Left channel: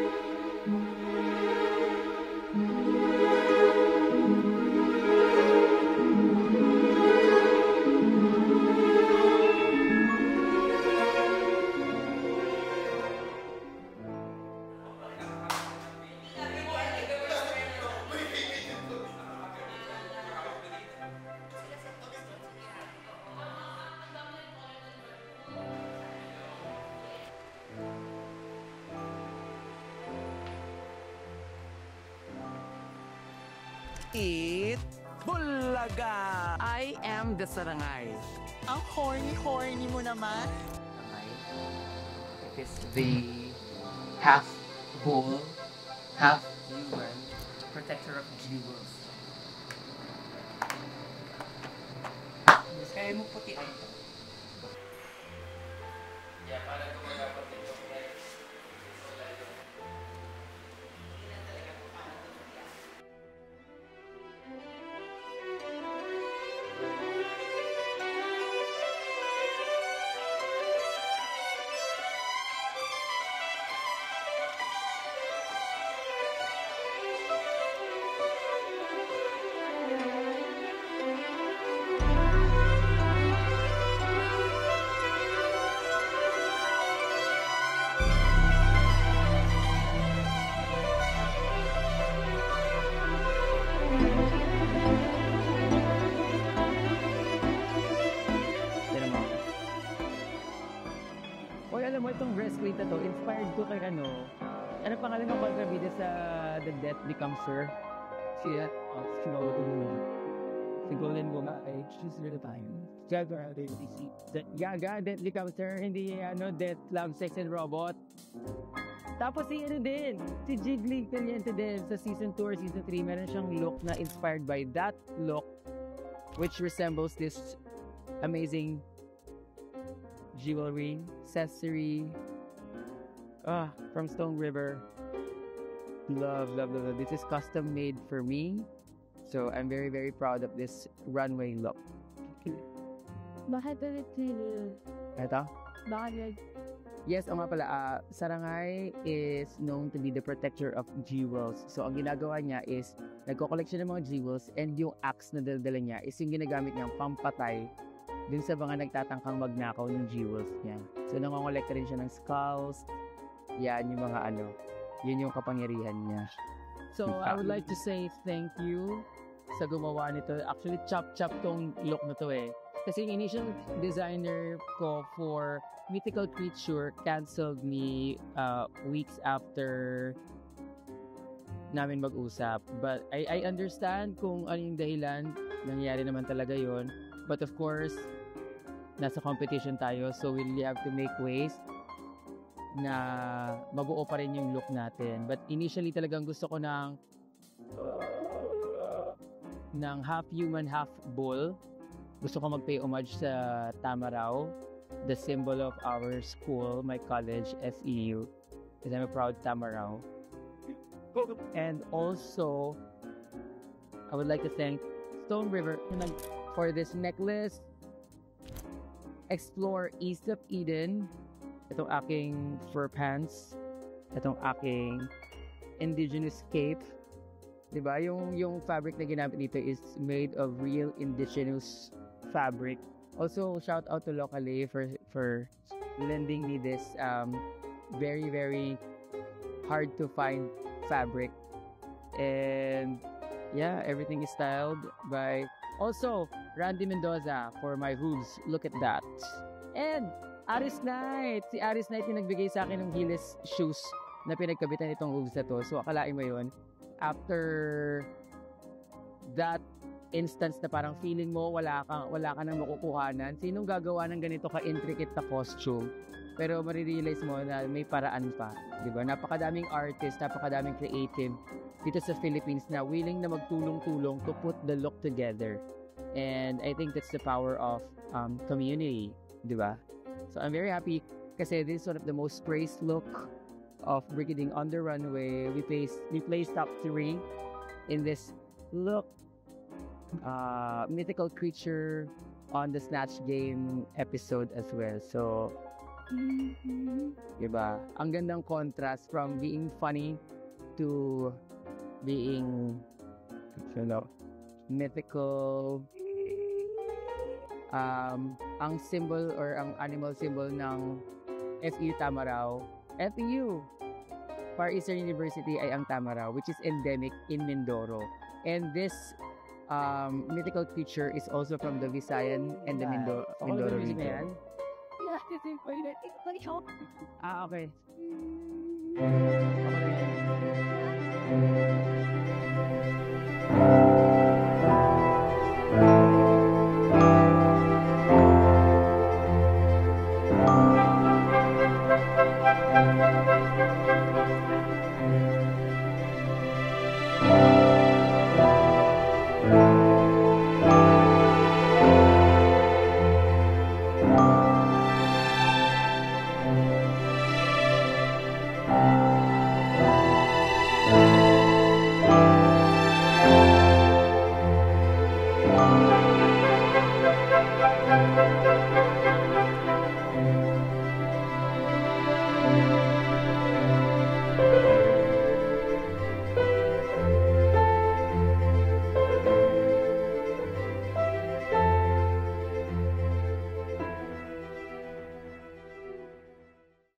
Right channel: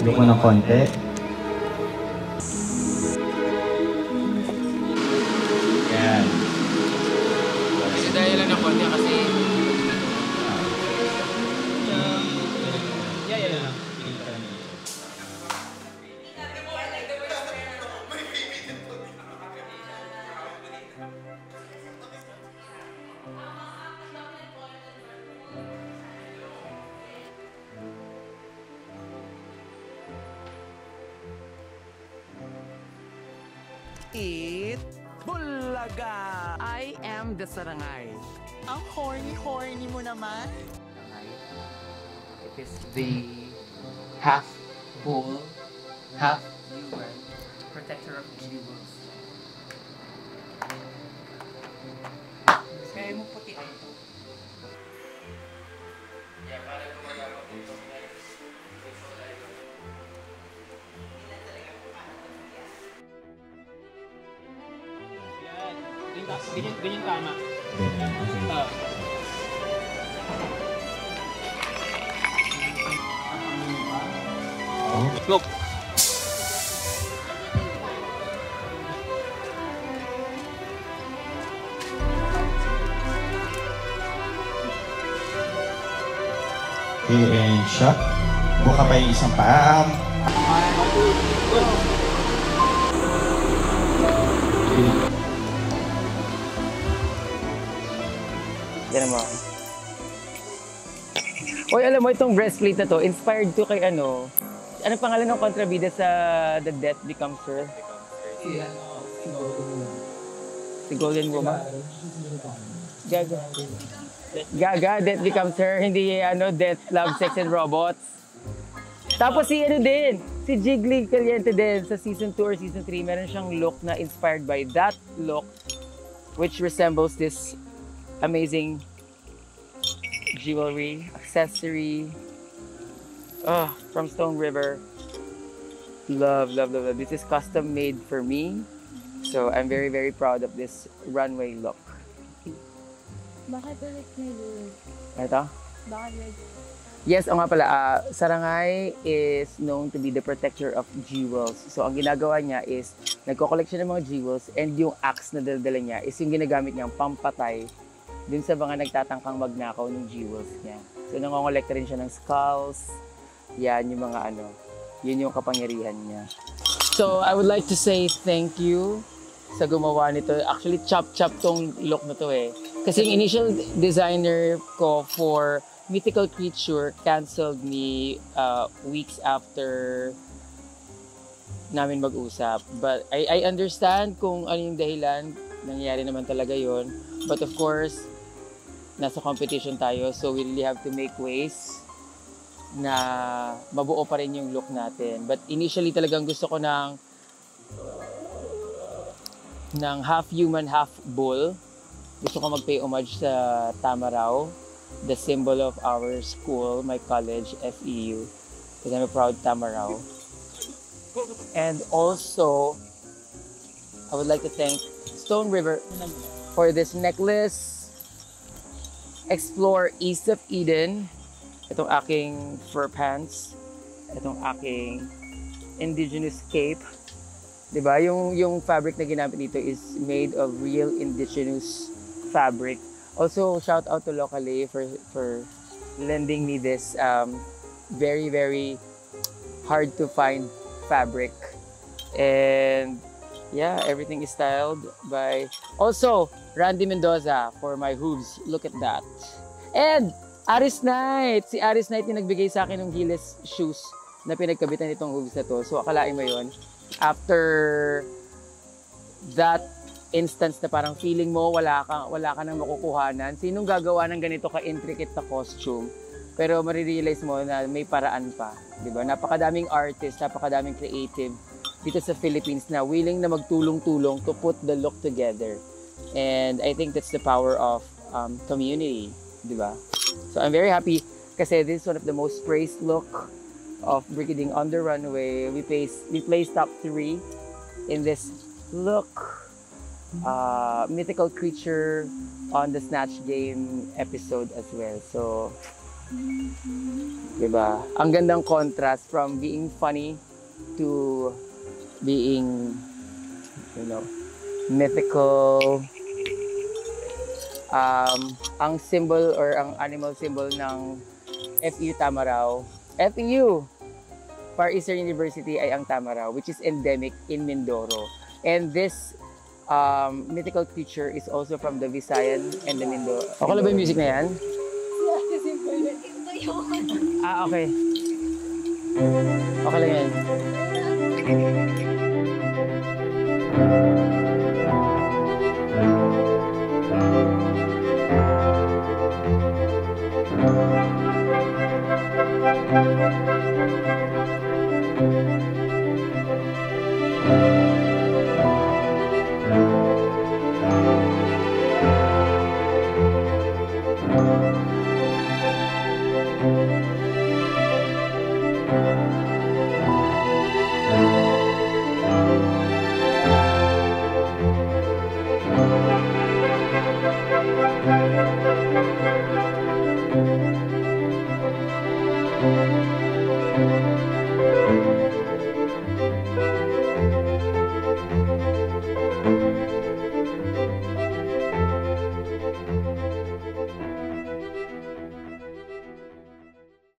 Look mo ng konti. Yan. Kasi dahil lang ng konti kasi Eat Bulaga! I am the Sarangay. Ang horny-horny mo naman. Ha? Ha? yeah, parang gumagapag dito. Ganyan tama. Look. Okay, and shot. Buka pa yung isang paa. Yan mo. Oy, alam mo, itong breastplate na to, inspired to kay ano pangalan ng kontrabida sa The Death Becomes Her? Si Golden Woman. Gaga. Gaga, Death Becomes Her, hindi Death, Love, Sex, and Robots. Tapos si din, si Jiggly Caliente din sa Season 2 or Season 3, meron siyang look na inspired by that look, which resembles this amazing jewelry, accessory, from Stone River. Love, love, love, love. This is custom made for me. So I'm very, very proud of this runway look. Bakit ulit nilulog? Ito? Bakit ulit? Yes, nga pala, Sarangay is known to be the protector of jewels. So ang ginagawa niya is, nagko-collection ng mga jewels and yung axe na dala niya is yung ginagamit niyang pampatay dun sa mga nagtatangkang magnakaw ng jewels niya. So nangongolekta rin siya ng skulls. Yan yung mga yun yung kapangyarihan niya. So I would like to say thank you sa gumawa nito. Actually, chop-chop tong look na to eh. Kasi yung initial designer ko for Mythical Creature canceled me weeks after namin mag-usap. But I understand kung ano yung dahilan. Nangyari naman talaga yon. But of course, nasa competition tayo, so we really have to make ways na mabuo pa rin yung look natin. But initially talagang gusto ko ng half human, half bull. Gusto ko mag-pay homage sa Tamaraw, the symbol of our school, my college, FEU, because I'm a proud Tamaraw. And also, I would like to thank Stone River for this necklace. Explore East of Eden. Itong aking fur pants. Itong aking indigenous cape. Diba? Yung fabric na ginamit dito is made of real indigenous fabric. Also, shout out to Locally for lending me this very, very hard to find fabric. And yeah, everything is styled by also Randy Mendoza for my hooves. Look at that. And Aris Knight. Si Aris Knight yung nagbigay sa akin ng Giles shoes na pinagkabitan itong hooves na to. So akalain mo yun. After that instance na parang feeling mo wala ka nang makukuhanan, sinong gagawa ng ganito ka-intricate na costume? Pero marirealize mo na may paraan pa. Diba? Napakadaming artist, napakadaming creative dito sa Philippines na willing na magtulong-tulong to put the look together. And I think that's the power of community, di ba? So I'm very happy kasi this is one of the most praised look of Brigading on the Runway. We placed top 3 in this look. Mythical Creature on the Snatch Game episode as well. So Diba? Ang gandang contrast from being funny to being, you know, mythical. Ang symbol or ang animal symbol ng FEU Tamaraw, FEU, Far Eastern University ay ang Tamaraw, which is endemic in Mindoro. And this mythical creature is also from the Visayan and the Mindoro. Okay lang ba yung music na yan? Okay. Okay lang yan. Thank you.